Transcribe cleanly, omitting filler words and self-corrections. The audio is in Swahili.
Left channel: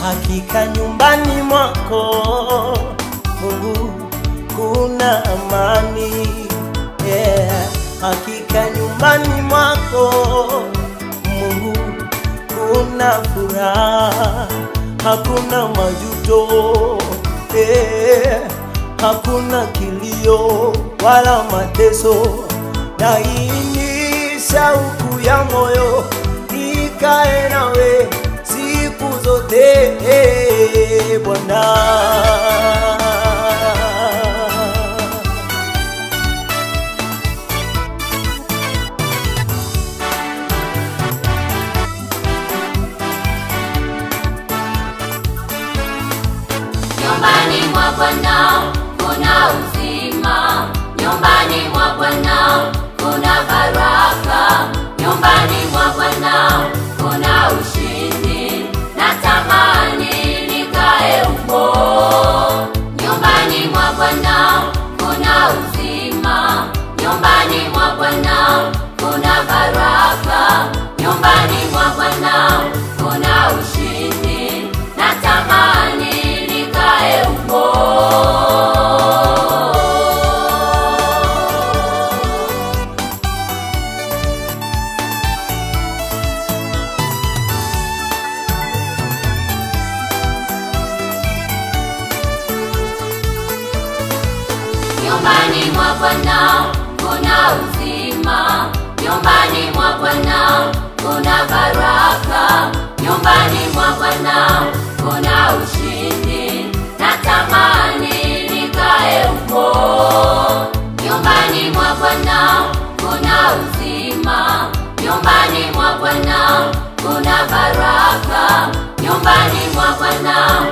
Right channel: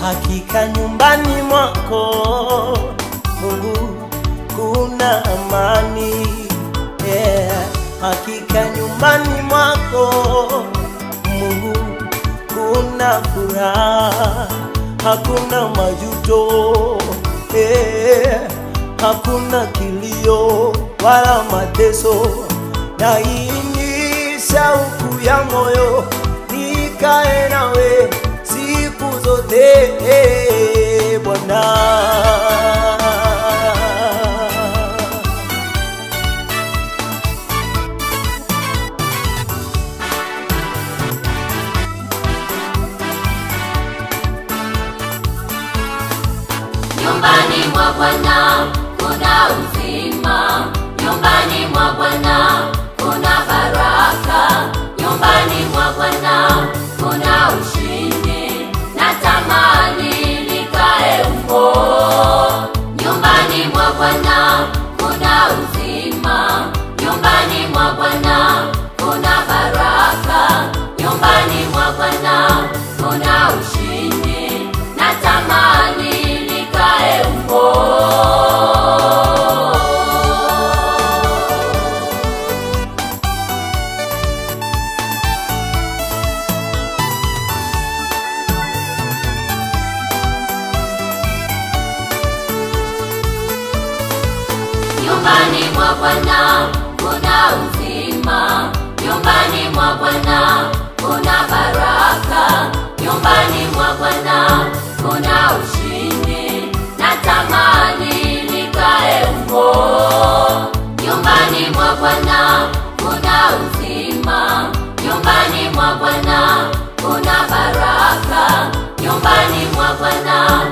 Hakika nyumbani mwako Mungu kuna amani, Hakika nyumbani mwako Mungu kuna furaha, hakuna majuto, hakuna kilio wala mateso. Na hii ni shauku ya moyo, nikae nawe siku zote, Bwana. Nyumbani mwa Bwana kuna uzima, nyumbani mwa Bwana kuna baraka, nyumbani mwa Bwana kuna ushindi, natamani nikae huko. Nyumbani mwa Bwana kuna uzima, nyumbani mwa Bwana kuna baraka, nyumbani mwa Bwana kuna ushindi, natamani nikae huko. Nyumbani mwa Bwana kuna uzima, nyumbani mwa Bwana kuna baraka, nyumbani mwa Bwana kuna ushindi, natamani nikae huko. Nyumbani mwa Bwana kuna uzima, nyumbani mwa Bwana kuna baraka, nyumbani mwa Bwana